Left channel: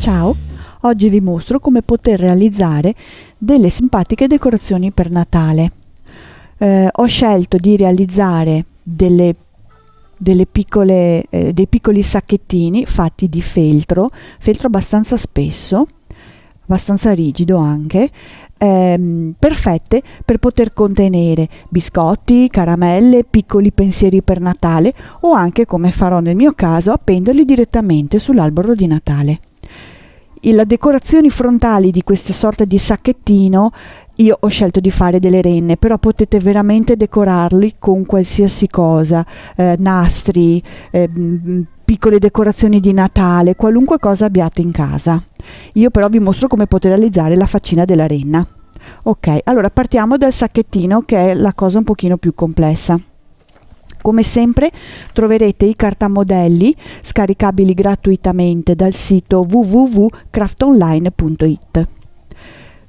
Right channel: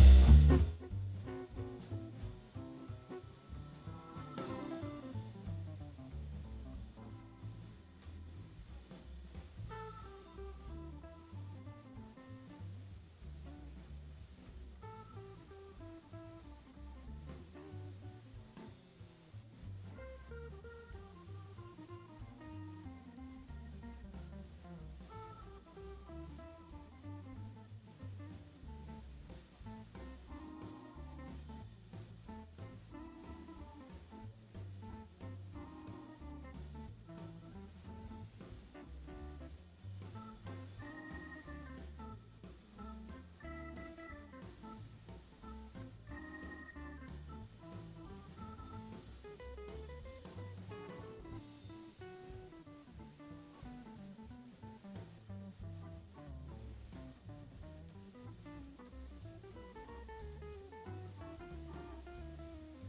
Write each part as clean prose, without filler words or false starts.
Ciao, oggi vi mostro come poter realizzare delle simpatiche decorazioni per Natale. Ho scelto di realizzare dei piccoli sacchettini fatti di feltro abbastanza spesso, abbastanza rigido anche, perfette per poter contenere biscotti, caramelle, piccoli pensieri per Natale o anche, come farò nel mio caso, appenderli direttamente sull'albero di Natale. Le decorazioni frontali di questa sorta di sacchettino io ho scelto di fare delle renne, però potete veramente decorarli con qualsiasi cosa, nastri, piccole decorazioni di Natale, qualunque cosa abbiate in casa. Io però vi mostro come poter realizzare la faccina della renna. Ok, allora partiamo dal sacchettino, che è la cosa un pochino più complessa. Come sempre troverete i cartamodelli scaricabili gratuitamente dal sito www.craftonline.it.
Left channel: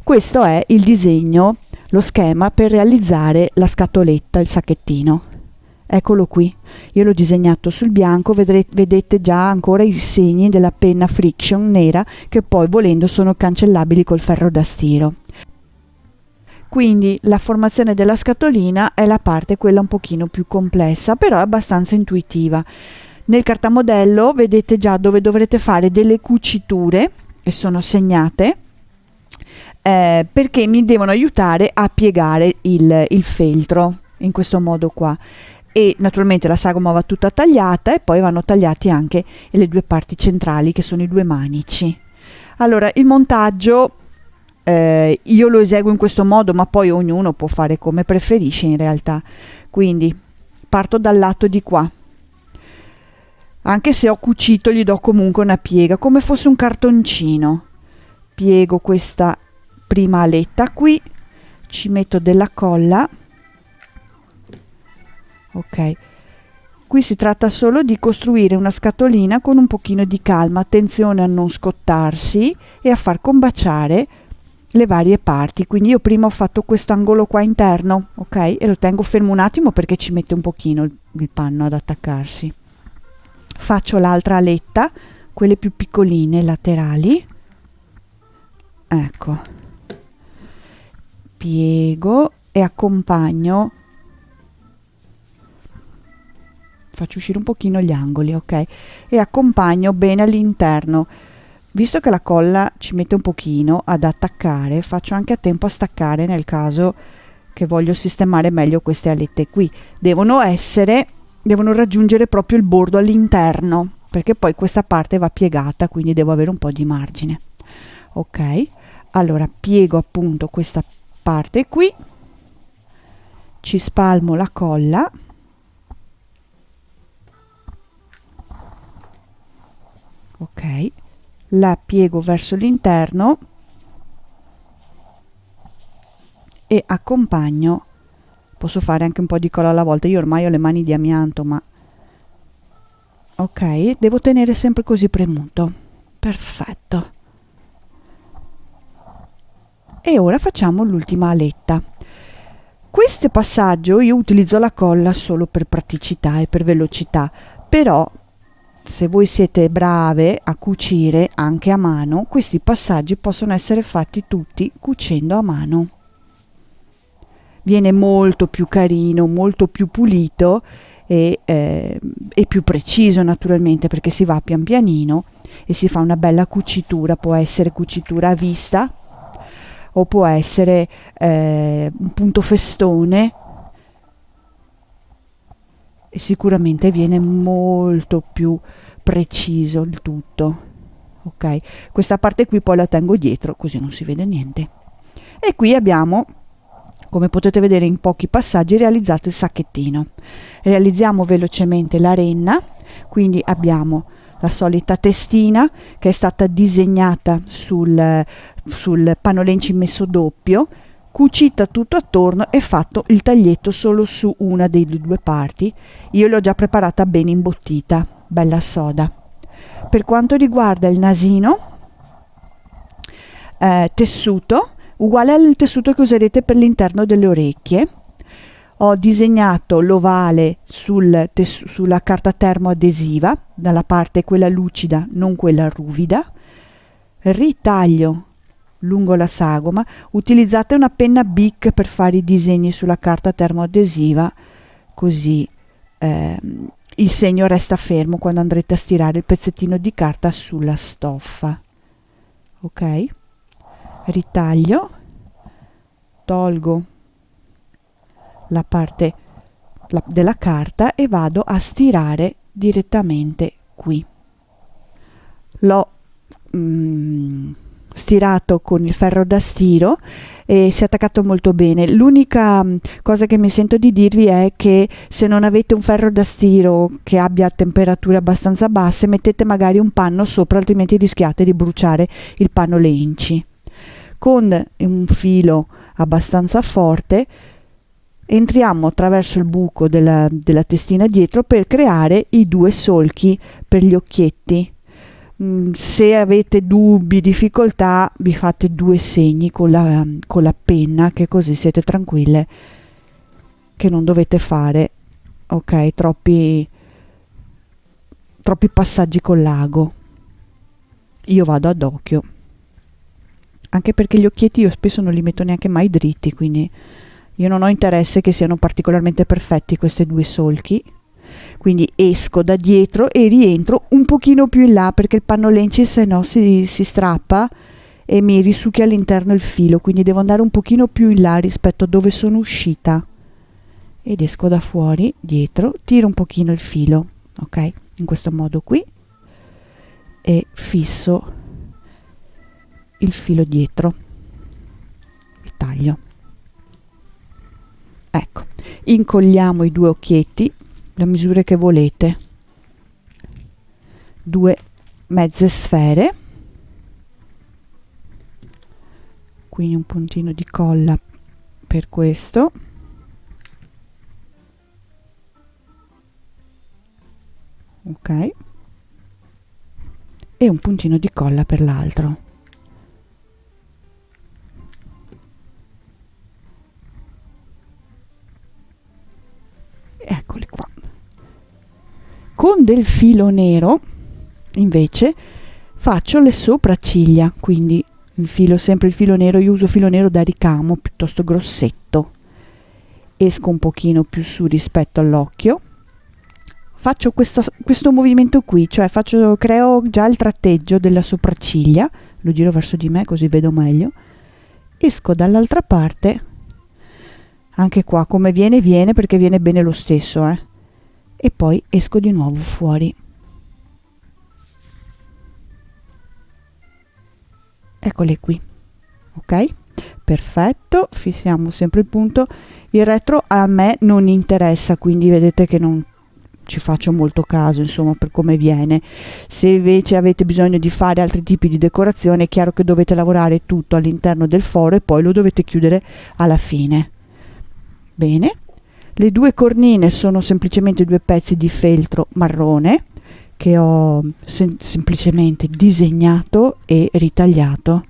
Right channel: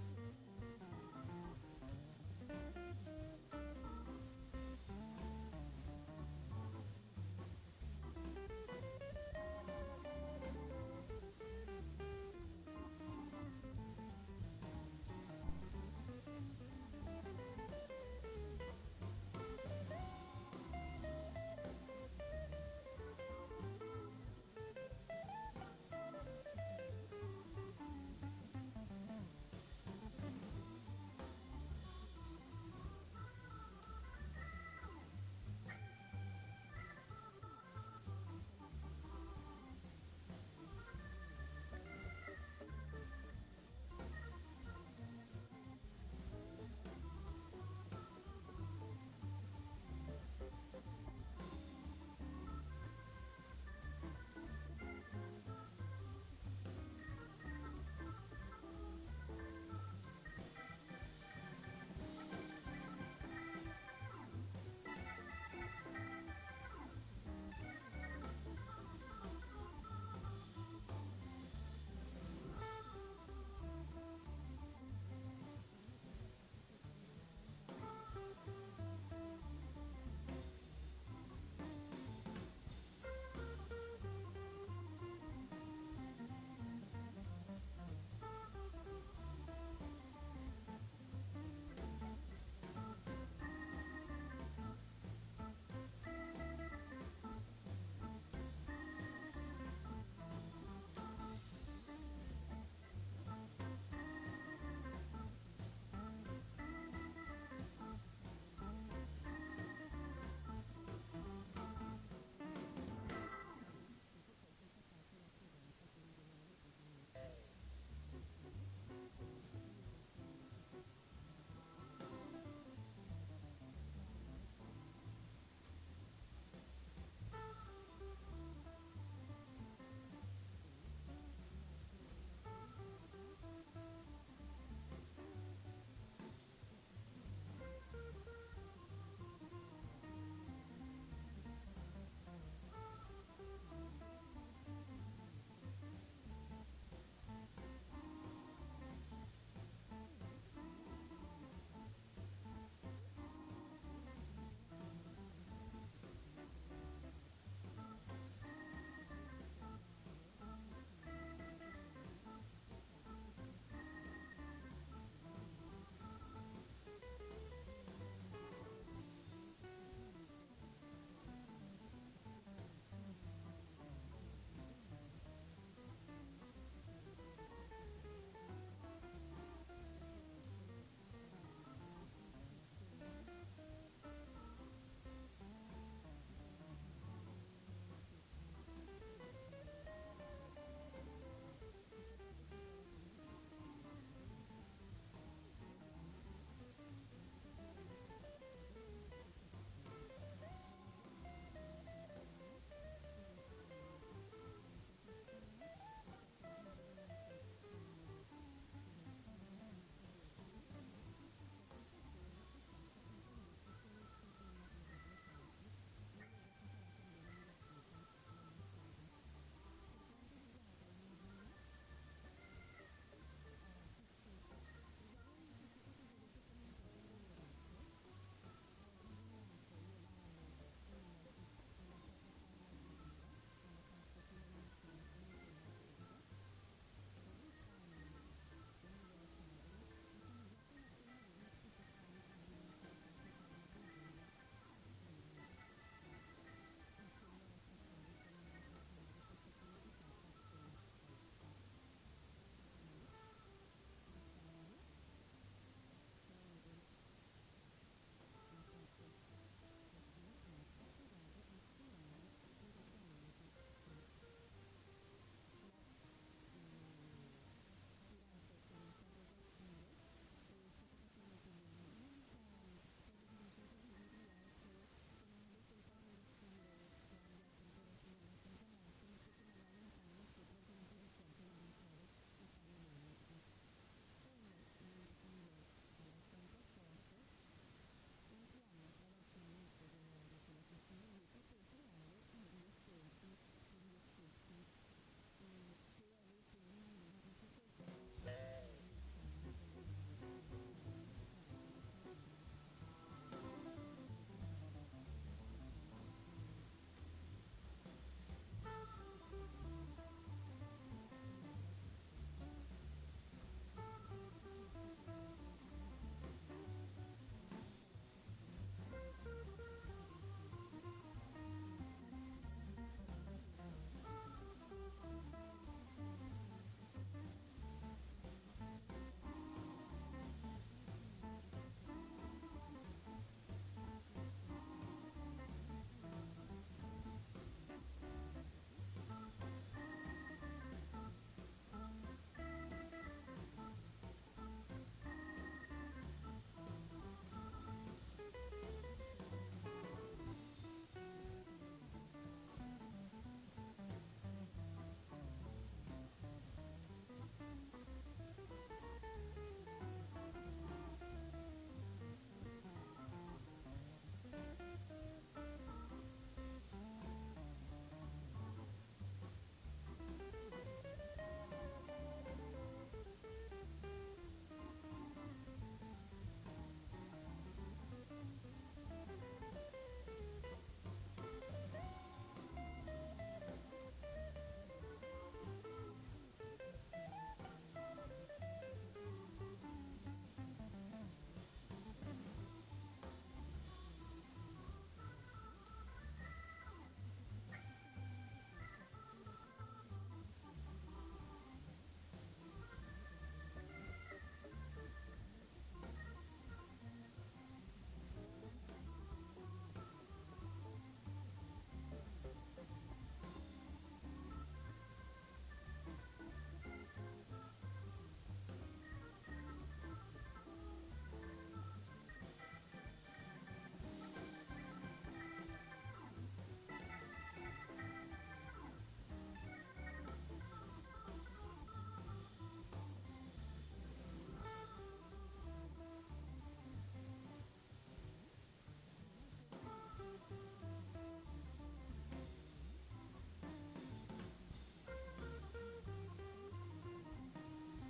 Questo è il disegno, lo schema per realizzare la scatoletta, il sacchettino. Eccolo qui, io l'ho disegnato sul bianco, vedete già ancora i segni della penna friction nera che poi volendo sono cancellabili col ferro da stiro. Quindi la formazione della scatolina è la parte quella un pochino più complessa, però è abbastanza intuitiva. Nel cartamodello vedete già dove dovrete fare delle cuciture, e sono segnate, perché mi devono aiutare a piegare il feltro, in questo modo qua. E naturalmente la sagoma va tutta tagliata e poi vanno tagliati anche le due parti centrali, che sono i due manici. Allora, il montaggio io lo eseguo in questo modo, ma poi ognuno può fare come preferisce in realtà. Quindi parto dal lato di qua, anche se ho cucito gli do comunque una piega come fosse un cartoncino. Piego questa prima aletta qui, ci metto della colla. Ok, qui si tratta solo di costruire una scatolina con un pochino di calma, attenzione a non scottarsi e a far combaciare le varie parti. Quindi io prima ho fatto questo angolo qua interno, ok, e lo tengo fermo un attimo perché ci mette un pochino il panno ad attaccarsi. Faccio l'altra aletta, quelle più piccoline laterali, ecco, piego e accompagno, faccio uscire un pochino gli angoli, ok, e accompagno bene all'interno. Visto che la colla ci mette un pochino ad attaccare, faccio anche a tempo a staccare nel caso che voglio sistemare meglio queste alette qui. Devono raggiungere proprio il bordo all'interno, perché poi questa parte va piegata, quindi devo avere un po' di margine. Ok, allora piego appunto questa parte qui, ci spalmo la colla. Ok, la piego verso l'interno e accompagno. Posso fare anche un po' di colla alla volta, io ormai ho le mani di amianto, ma ok, devo tenere sempre così premuto. Perfetto. E ora facciamo l'ultima aletta. Questo passaggio io utilizzo la colla solo per praticità e per velocità, però se voi siete brave a cucire anche a mano, questi passaggi possono essere fatti tutti cucendo a mano. Viene molto più carino, molto più pulito e più preciso naturalmente, perché si va pian pianino e si fa una bella cucitura. Può essere cucitura a vista o può essere un punto festone, e sicuramente viene molto più preciso il tutto. Ok, questa parte qui poi la tengo dietro così non si vede niente. E qui abbiamo, come potete vedere in pochi passaggi, realizzato il sacchettino. Realizziamo velocemente la renna. Quindi abbiamo la solita testina che è stata disegnata sul pannolence messo doppio, cucita tutto attorno e fatto il taglietto solo su una delle due parti. Io l'ho già preparata bene imbottita, bella soda. Per quanto riguarda il nasino, tessuto uguale al tessuto che userete per l'interno delle orecchie. Ho disegnato l'ovale sulla carta termoadesiva, dalla parte quella lucida, non quella ruvida. ritaglio lungo la sagoma. Utilizzate una penna Bic per fare i disegni sulla carta termoadesiva, così il segno resta fermo quando andrete a stirare il pezzettino di carta sulla stoffa. Ok, ritaglio, tolgo la parte della carta e vado a stirare direttamente qui. L'ho stirato con il ferro da stiro e si è attaccato molto bene. L'unica cosa che mi sento di dirvi è che se non avete un ferro da stiro che abbia temperature abbastanza basse, mettete magari un panno sopra, altrimenti rischiate di bruciare il panno le inci. Con un filo abbastanza forte entriamo attraverso il buco della testina dietro per creare i due solchi per gli occhietti. Se avete dubbi, difficoltà, vi fate due segni con la penna, che così siete tranquille che non dovete fare troppi passaggi col lago. Io vado ad occhio, anche perché gli occhietti io spesso non li metto neanche mai dritti, quindi io non ho interesse che siano particolarmente perfetti questi due solchi. Quindi esco da dietro e rientro un pochino più in là, perché il panno lenci se no si strappa e mi risucchia all'interno il filo, quindi devo andare un pochino più in là rispetto a dove sono uscita, ed esco da fuori, dietro, tiro un pochino il filo, ok, in questo modo qui, e fisso il filo dietro, il taglio. Ecco, incolliamo i due occhietti, le misure che volete, due mezze sfere, quindi un puntino di colla per questo, ok, e un puntino di colla per l'altro. Eccoli qua. Con del filo nero invece faccio le sopracciglia, quindi infilo sempre il filo nero. Io uso filo nero da ricamo piuttosto grossetto, esco un pochino più su rispetto all'occhio, faccio questo movimento qui, cioè creo già il tratteggio della sopracciglia, lo giro verso di me così vedo meglio, esco dall'altra parte, anche qua come viene perché viene bene lo stesso, e poi esco di nuovo fuori. Eccole qui, ok, perfetto, fissiamo sempre il punto. Il retro a me non interessa, quindi vedete che non ci faccio molto caso, insomma, per come viene. Se invece avete bisogno di fare altri tipi di decorazione, è chiaro che dovete lavorare tutto all'interno del foro e poi lo dovete chiudere alla fine. Bene, le due cornine sono semplicemente due pezzi di feltro marrone che ho semplicemente disegnato e ritagliato.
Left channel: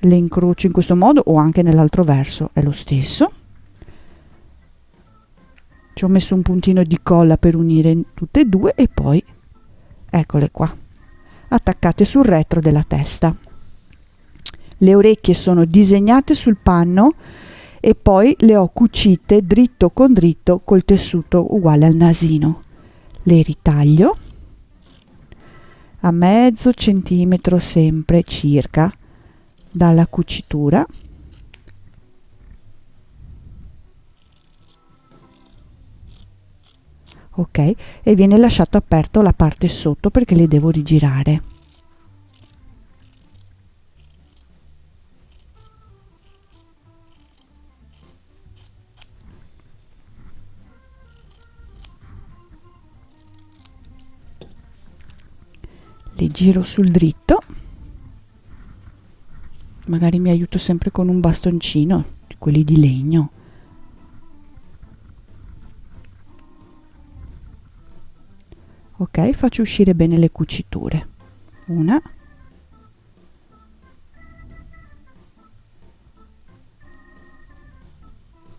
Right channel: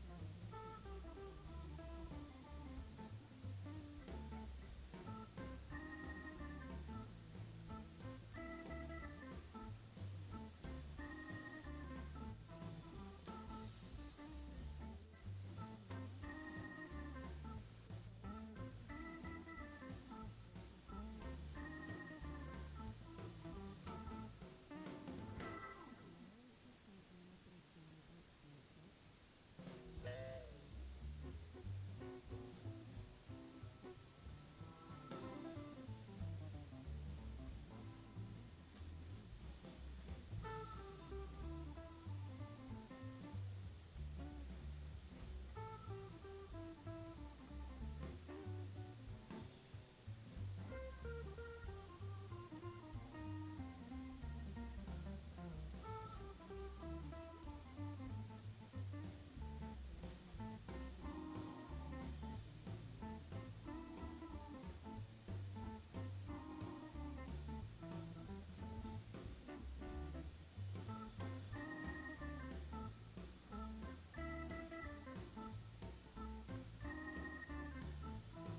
Le incrocio in questo modo o anche nell'altro verso, è lo stesso. Ci ho messo un puntino di colla per unire tutte e due e poi eccole qua, attaccate sul retro della testa. Le orecchie sono disegnate sul panno e poi le ho cucite dritto con dritto col tessuto uguale al nasino. Le ritaglio a mezzo centimetro sempre circa dalla cucitura. Ok, e viene lasciato aperto la parte sotto perché le devo rigirare. Le giro sul dritto, magari mi aiuto sempre con un bastoncino, quelli di legno. Ok, faccio uscire bene le cuciture. Una,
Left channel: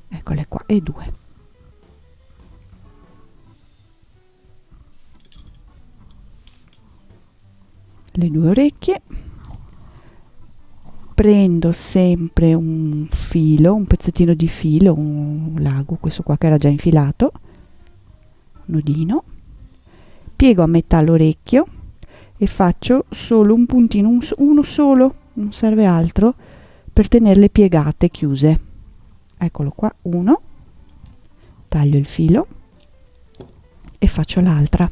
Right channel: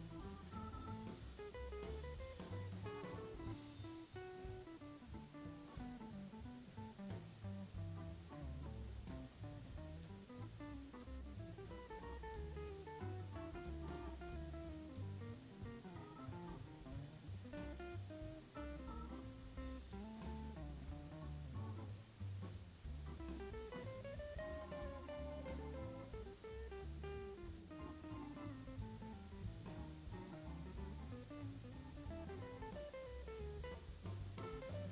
eccole qua, e due. le 2 orecchie, prendo sempre un filo, un pezzettino di filo, un lago, questo qua che era già infilato, nodino, piego a metà l'orecchio e faccio solo un puntino, uno solo, non serve altro, per tenerle piegate, chiuse. Eccolo qua, uno, taglio il filo e faccio l'altra.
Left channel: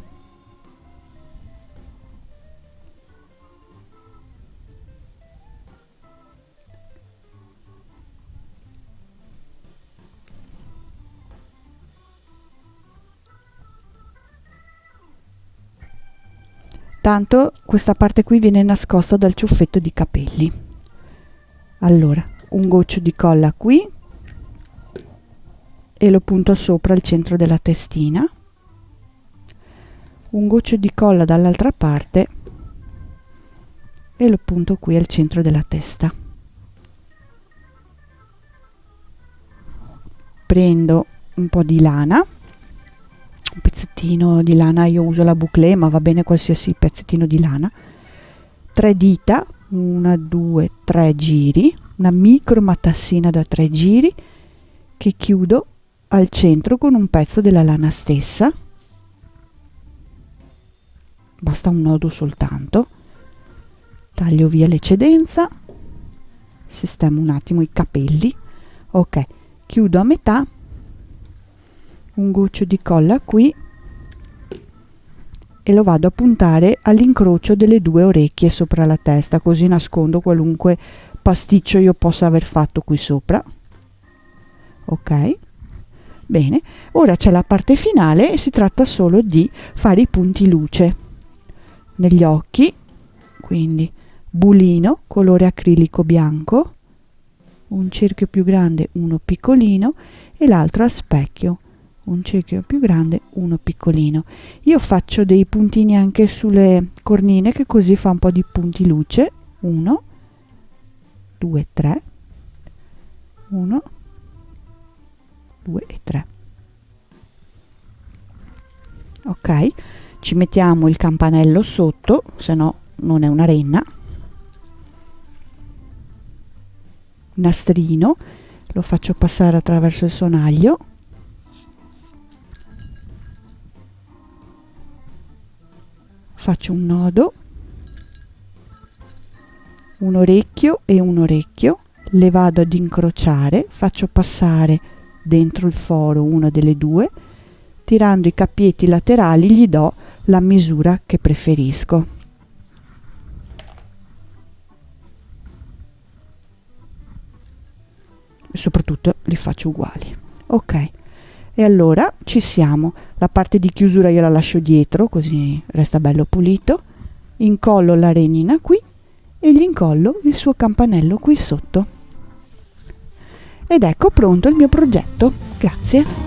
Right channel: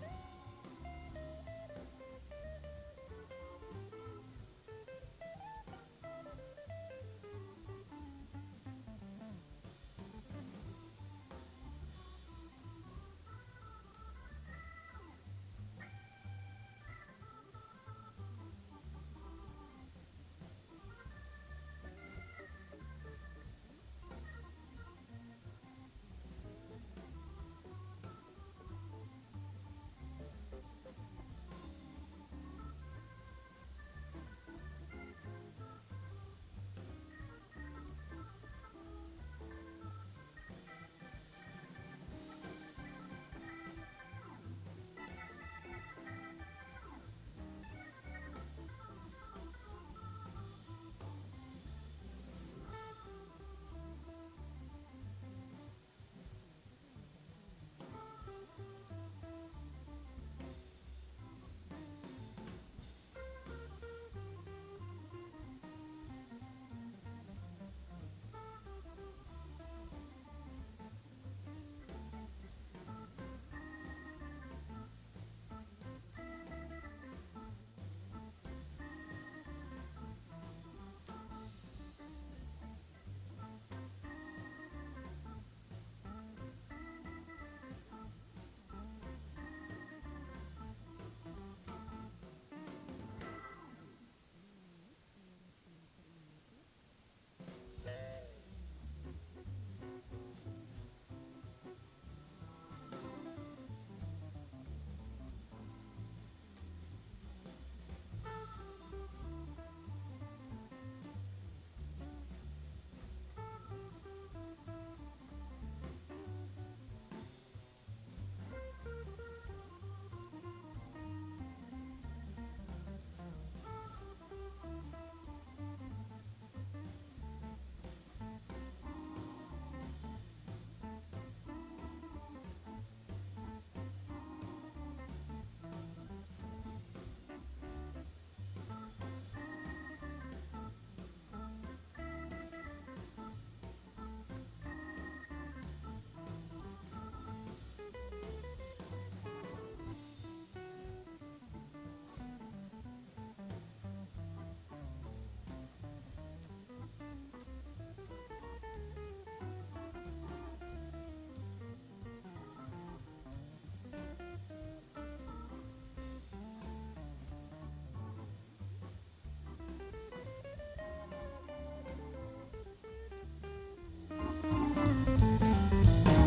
Tanto questa parte qui viene nascosta dal ciuffetto di capelli. Allora, un goccio di colla qui e lo punto sopra il centro della testina, un goccio di colla dall'altra parte e lo punto qui al centro della testa. Prendo un po' di lana, un pezzettino di lana, io uso la bouclé ma va bene qualsiasi pezzettino di lana, 3 dita, 1, 2, 3 giri, una micro matassina da 3 giri che chiudo al centro con un pezzo della lana stessa, basta un nodo soltanto, taglio via l'eccedenza, sistemo un attimo i capelli, ok, chiudo a metà, un goccio di colla qui e lo vado a puntare all'incrocio delle 2 orecchie sopra la testa, così nascondo qualunque pasticcio io possa aver fatto qui sopra. Ok, bene, ora c'è la parte finale e si tratta solo di fare i punti luce negli occhi, quindi bulino colore acrilico bianco, un cerchio più grande, uno piccolino e l'altro a specchio, un cerchio più grande, uno piccolino. Io faccio dei puntini anche sulle cornine, che così fa un po' di punti luce. 1, 2, 3, 1, 2 e 3. Ok, ci mettiamo il campanello sotto, se no non è una renna, nastrino, lo faccio passare attraverso il sonaglio, faccio un nodo, un orecchio e un orecchio, le vado ad incrociare, faccio passare dentro il foro una delle 2, tirando i cappietti laterali gli do la misura che preferisco. E soprattutto li faccio uguali. Ok, e allora ci siamo. La parte di chiusura io la lascio dietro, così resta bello pulito. Incollo la renina qui e gli incollo il suo campanello qui sotto. Ed ecco pronto il mio progetto. Grazie.